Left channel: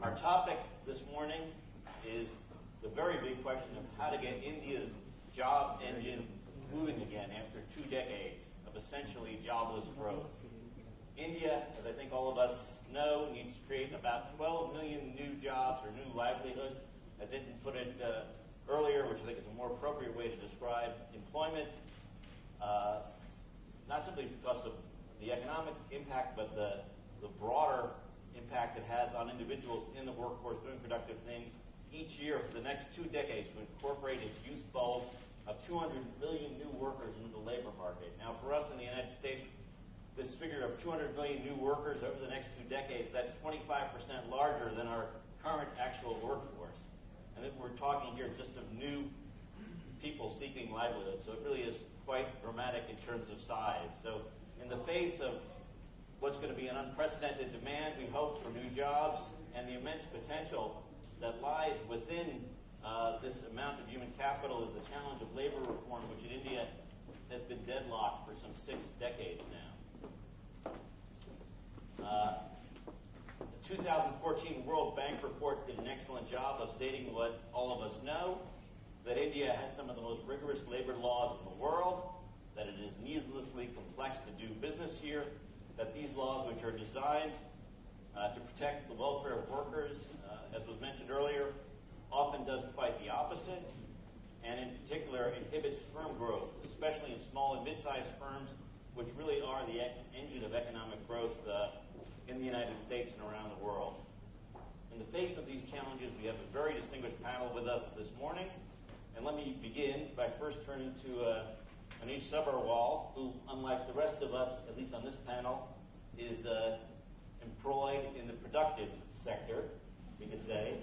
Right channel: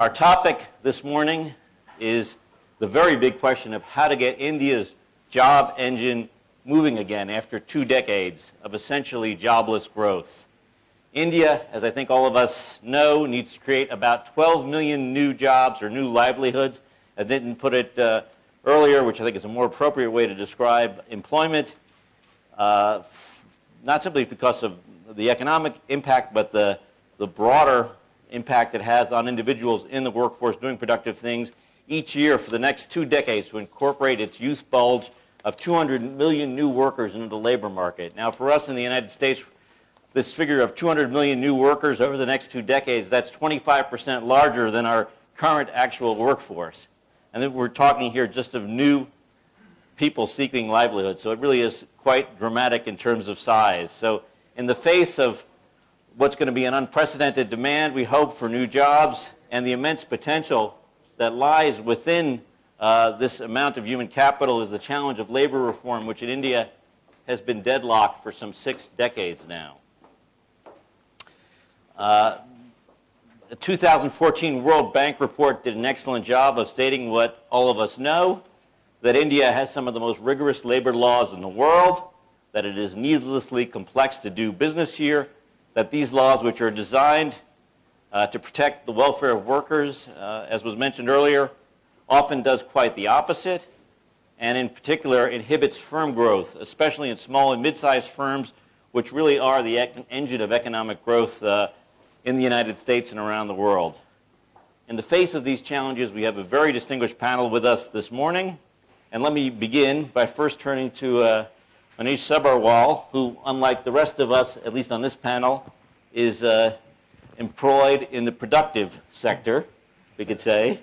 Our topic this morning is the very big question of how to get India's job engine moving again after 2 decades of essentially jobless growth. India, as I think all of us know, needs to create about 12 million new jobs or new livelihoods. I didn't put it earlier, which I think is a more appropriate way to describe employment, not simply because of the economic impact, but the broader impact it has on individuals in the workforce doing productive things each year for the next 2 decades to incorporate its youth bulge of 200 million new workers into the labor market. Now, for us in the United States, this figure of 200 million new workers over the next 2 decades, that's 25% larger than our current actual workforce. And then we're talking here just of new people seeking livelihood. So it really is quite dramatic in terms of size. So in the face of what's going to be an unprecedented demand, we hope, for new jobs and the immense potential that lies within this amount of human capital is the challenge of labor reform, which in India has been deadlocked for some 6 decades now. The 2014 World Bank report did an excellent job of stating what all of us know, that India has some of the most rigorous labor laws in the world, that it is needlessly complex to do business here, that these laws, which are designed to protect the welfare of workers, as was mentioned earlier, often does quite the opposite, and in particular inhibits firm growth, especially in small and mid-sized firms, which really are the engine of economic growth in the United States and around the world. In the face of these challenges, we have a very distinguished panel with us this morning, and let me begin by first turning to Manish Sabharwal, who, unlike the rest of us, at least on this panel, is employed in the productive sector, we could say.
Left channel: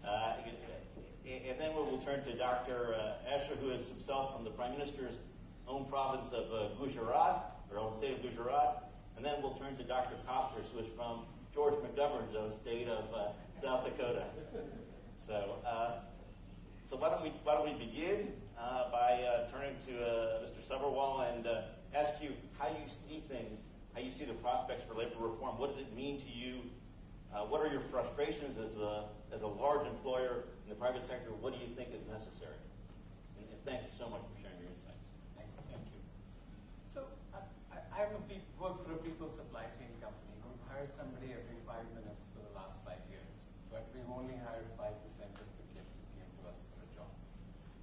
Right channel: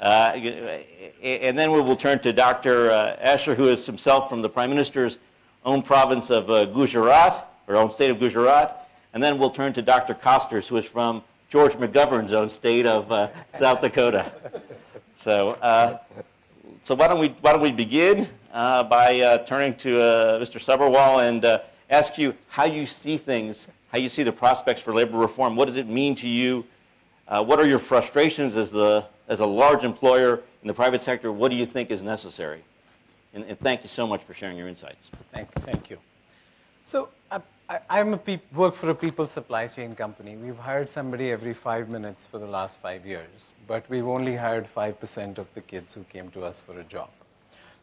And then we will turn to Dr. Asher, who is himself from the Prime Minister's own province of Gujarat, or own state of Gujarat. And then we'll turn to Dr. Costers, who is from George McGovern's own state of South Dakota. So why don't we begin by turning to Mr. Sabharwal and ask you how you see things, how you see the prospects for labor reform. What does it mean to you? What are your frustrations as a large employer in the private sector? What do you think is necessary? And thank you so much for sharing your insights. Thank you. So I work for a people supply chain company. We've hired somebody every 5 minutes for the last 5 years, but we've only hired 5% of the kids who came to us for a job.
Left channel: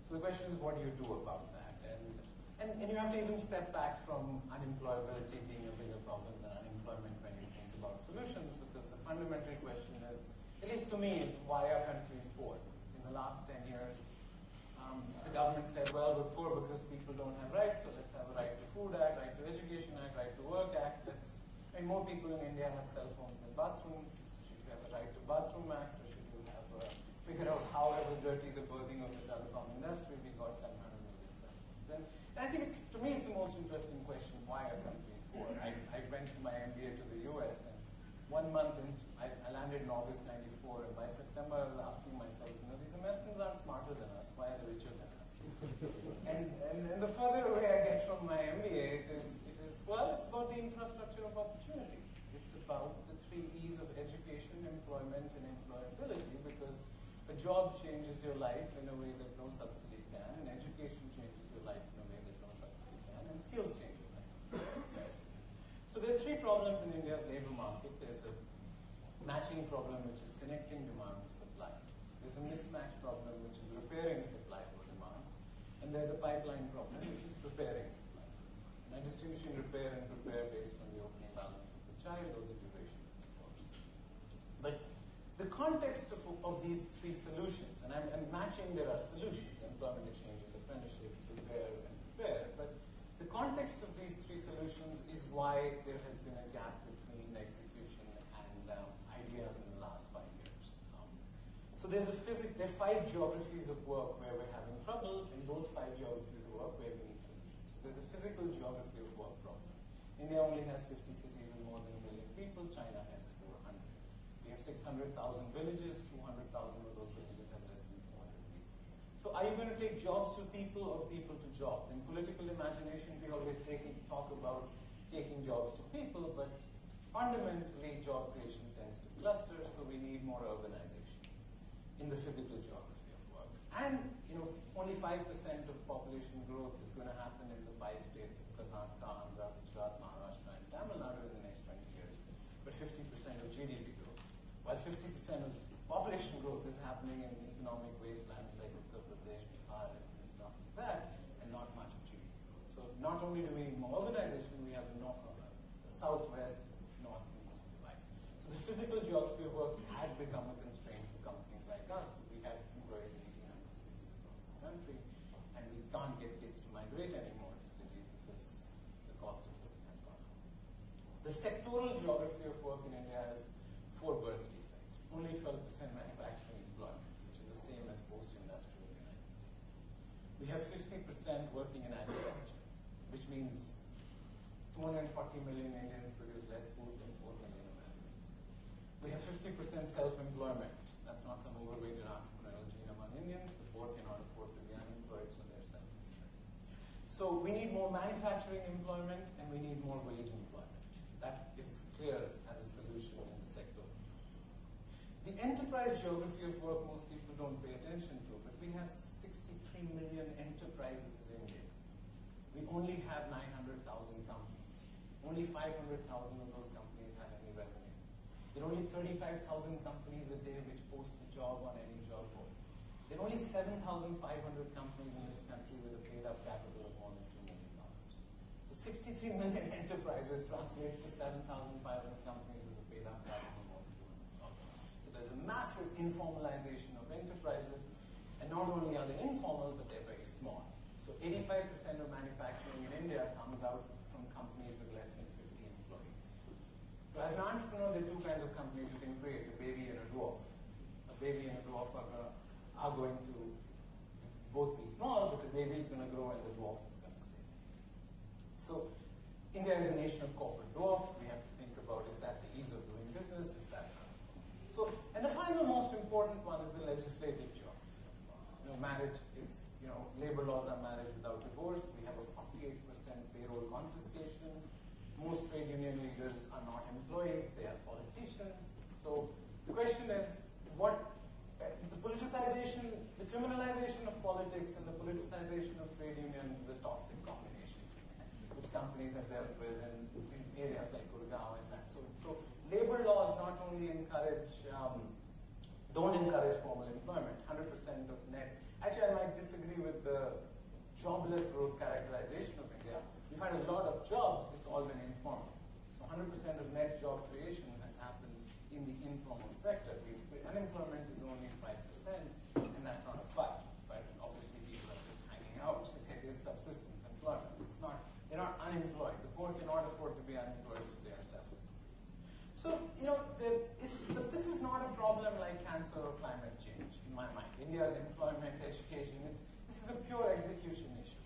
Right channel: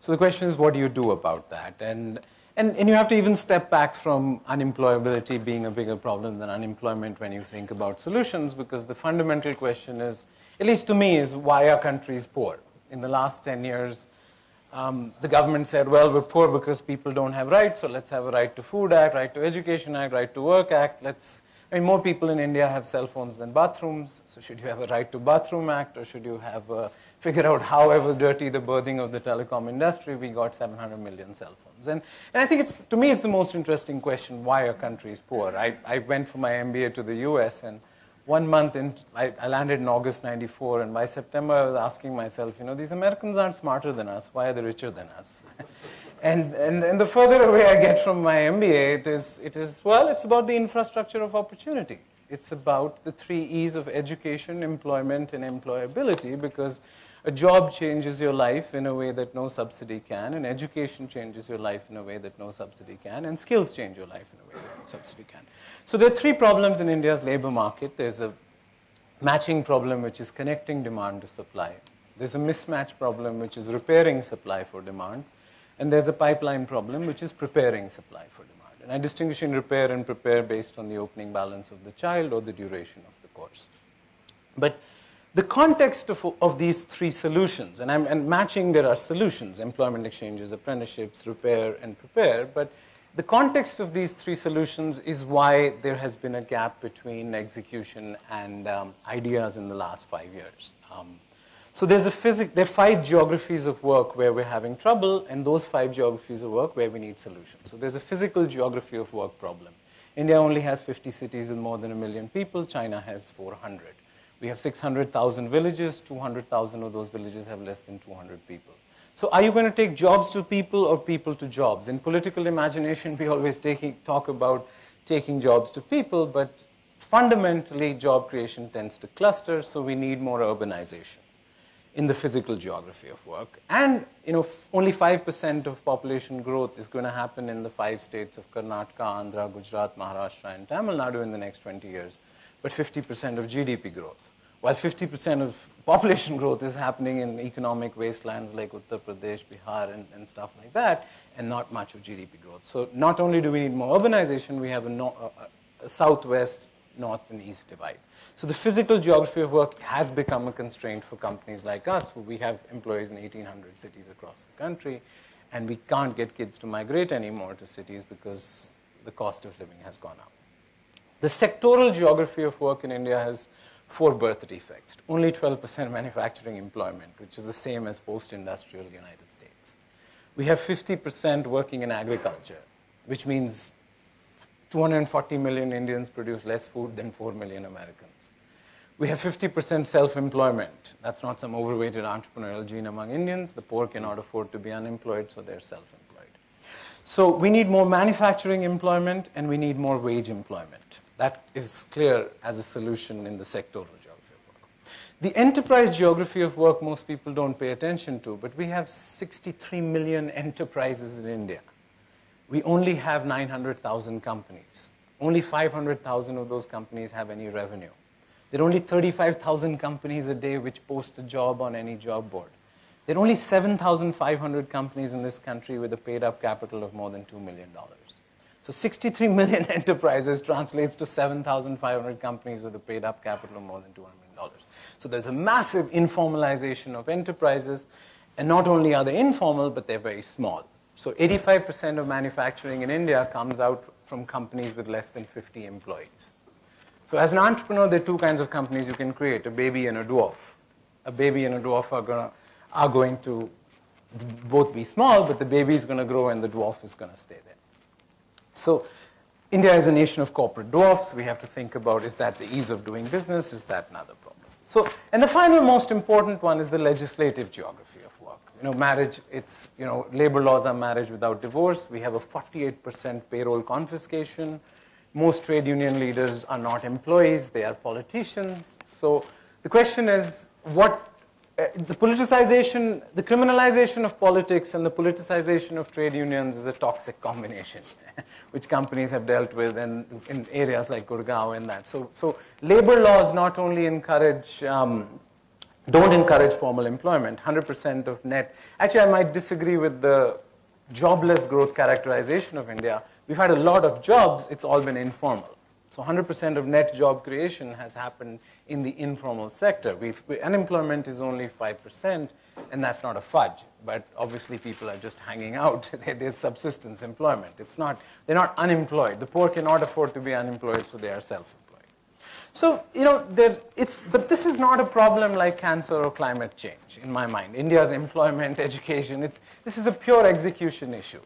So the question is, what do you do about that? And you have to even step back from unemployability being a bigger problem than unemployment when you think about solutions, because the fundamental question is, at least to me, is why are countries poor? In the last 10 years, the government said, well, we're poor because people don't have rights, so let's have a Right to Food Act, Right to Education Act, Right to Work Act. More people in India have cell phones than bathrooms, so should you have a Right to Bathroom Act, or should you have figure out however dirty the birthing of the telecom industry, we got 700 million cell phones. And I think to me, it's the most interesting question, why are countries poor? I went for my MBA to the US, and 1 month in, I landed in August '94, and by September I was asking myself, these Americans aren't smarter than us, why are they richer than us? and the further away I get from my MBA, it's about the infrastructure of opportunity. It's about the 3 E's of education, employment, and employability, because a job changes your life in a way that no subsidy can, and education changes your life in a way that no subsidy can, and skills change your life in a way that no subsidy can. So there are 3 problems in India's labor market. There's a matching problem, which is connecting demand to supply. There's a mismatch problem, which is repairing supply for demand. And there's a pipeline problem, which is preparing supply for demand. And I distinguish in repair and prepare based on the opening balance of the child or the duration of the course. But the context of these 3 solutions, and matching, there are solutions, employment exchanges, apprenticeships, repair, and prepare. But the context of these 3 solutions is why there has been a gap between execution and ideas in the last 5 years. So there are 5 geographies of work where we're having trouble, and those 5 geographies of work where we need solutions. So there's a physical geography of work problem. India only has 50 cities with more than 1 million people. China has 400. We have 600,000 villages. 200,000 of those villages have less than 200 people. So are you going to take jobs to people or people to jobs? In political imagination, we always talk about taking jobs to people, but fundamentally, job creation tends to cluster, so we need more urbanization in the physical geography of work. And only 5% of population growth is going to happen in the 5 states of Karnataka, Andhra, Gujarat, Maharashtra, and Tamil Nadu in the next 20 years, but 50% of GDP growth. While 50% of population growth is happening in economic wastelands like Uttar Pradesh, Bihar, and stuff like that, and not much of GDP growth. So not only do we need more urbanization, we have a southwest, north, and east divide. So the physical geography of work has become a constraint for companies like us, who we have employees in 1,800 cities across the country, and we can't get kids to migrate anymore to cities because the cost of living has gone up. The sectoral geography of work in India has 4 birth defects. Only 12% manufacturing employment, which is the same as post-industrial United States. We have 50% working in agriculture, which means 240 million Indians produce less food than 4 million Americans. We have 50% self-employment. That's not some overweighted entrepreneurial gene among Indians. The poor cannot afford to be unemployed, so they're self-employed. So we need more manufacturing employment, and we need more wage employment. That is clear as a solution in the sectoral geography of work. The enterprise geography of work most people don't pay attention to, but we have 63 million enterprises in India. We only have 900,000 companies. Only 500,000 of those companies have any revenue. There are only 35,000 companies a day which post a job on any job board. There are only 7,500 companies in this country with a paid-up capital of more than $2 million. So 63 million enterprises translates to 7,500 companies with a paid-up capital of more than $200 million. So there's a massive informalization of enterprises, and not only are they informal, but they're very small. So 85% of manufacturing in India comes out from companies with less than 50 employees. So as an entrepreneur, there are 2 kinds of companies you can create, a baby and a dwarf. A baby and a dwarf are going to both be small, but the baby is going to grow and the dwarf is going to stay there. So India is a nation of corporate dwarfs. We have to think about, is that the ease of doing business? Is that another problem? So, and the final most important one is the legislative geography of work. Marriage, labor laws are marriage without divorce. We have a 48% payroll confiscation. Most trade union leaders are not employees, they are politicians. So the question is, the politicization, the criminalization of politics and the politicization of trade unions is a toxic combination, which companies have dealt with in areas like Gurgaon and that. So labor laws not only don't encourage formal employment. 100% of net, actually I might disagree with the jobless growth characterization of India. We've had a lot of jobs, it's all been informal. So 100% of net job creation has happened in the informal sector. Unemployment is only 5%, and that's not a fudge. But obviously people are just hanging out. There's subsistence employment. They're not unemployed. The poor cannot afford to be unemployed, so they are self-employed. So, but this is not a problem like cancer or climate change, in my mind. India's employment, education, this is a pure execution issue.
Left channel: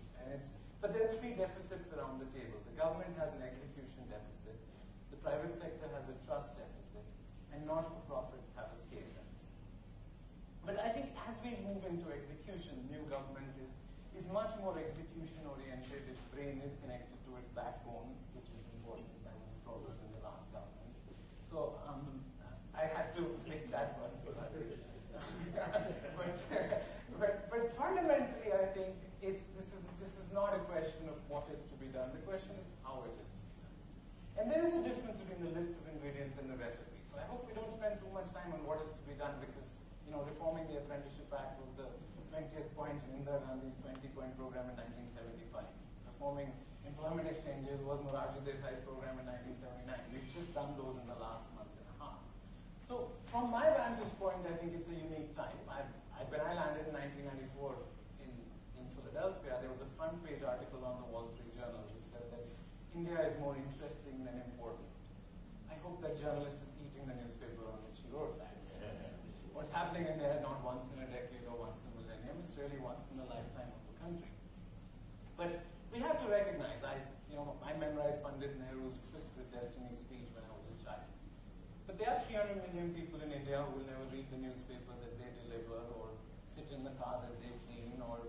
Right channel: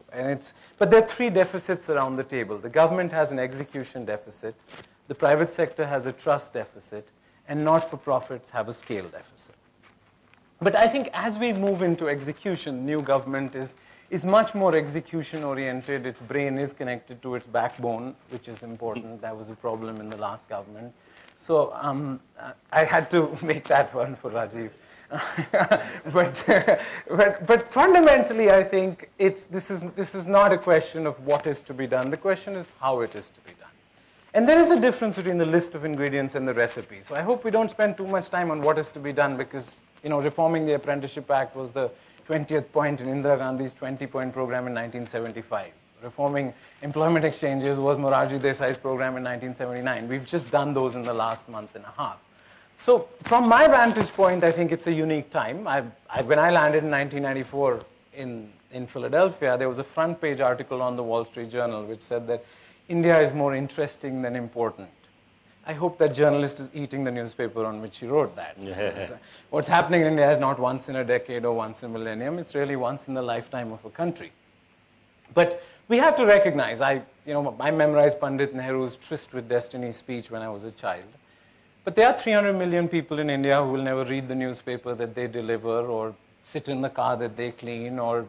But there are 3 deficits around the table. The government has an execution deficit, the private sector has a trust deficit, and not-for-profits have a scale deficit. But I think as we move into execution, new government is much more execution-oriented. Its brain is connected to its backbone, which is important. That was a problem in the last government. So I had to make that one for Rajiv. but fundamentally, I think this is not a question of what is to be done. The question is how it is to be done. And there is a difference between the list of ingredients and the recipe. So I hope we don't spend too much time on what is to be done, because reforming the Apprenticeship Act was the 20th point in Indira Gandhi's 20-point program in 1975. Reforming employment exchanges was Morarji Desai's program in 1979. We've just done those in the last month and a half. So from my vantage point, I think it's a unique time. When I landed in 1994 in Philadelphia, there was a front page article on the Wall Street Journal which said that India is more interesting than important. I hope that journalist is eating the newspaper on which he wrote that. What's happening in India is not once in a decade or once in a millennium. It's really once in the lifetime of a country. But we have to recognize, I memorized Pandit Nehru's Tryst with Destiny speech when I was a child. But there are 300 million people in India who will never read the newspaper that they deliver, or sit in the car that they clean, or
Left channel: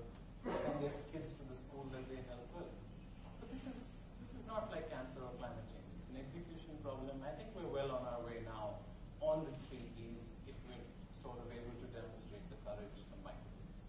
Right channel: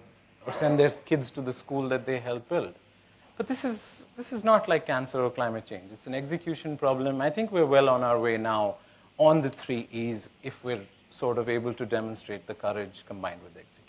send their kids to the school that they help build. But this is not like cancer or climate change. It's an execution problem. I think we're well on our way now on the 3 E's if we're sort of able to demonstrate the courage combined with the execution.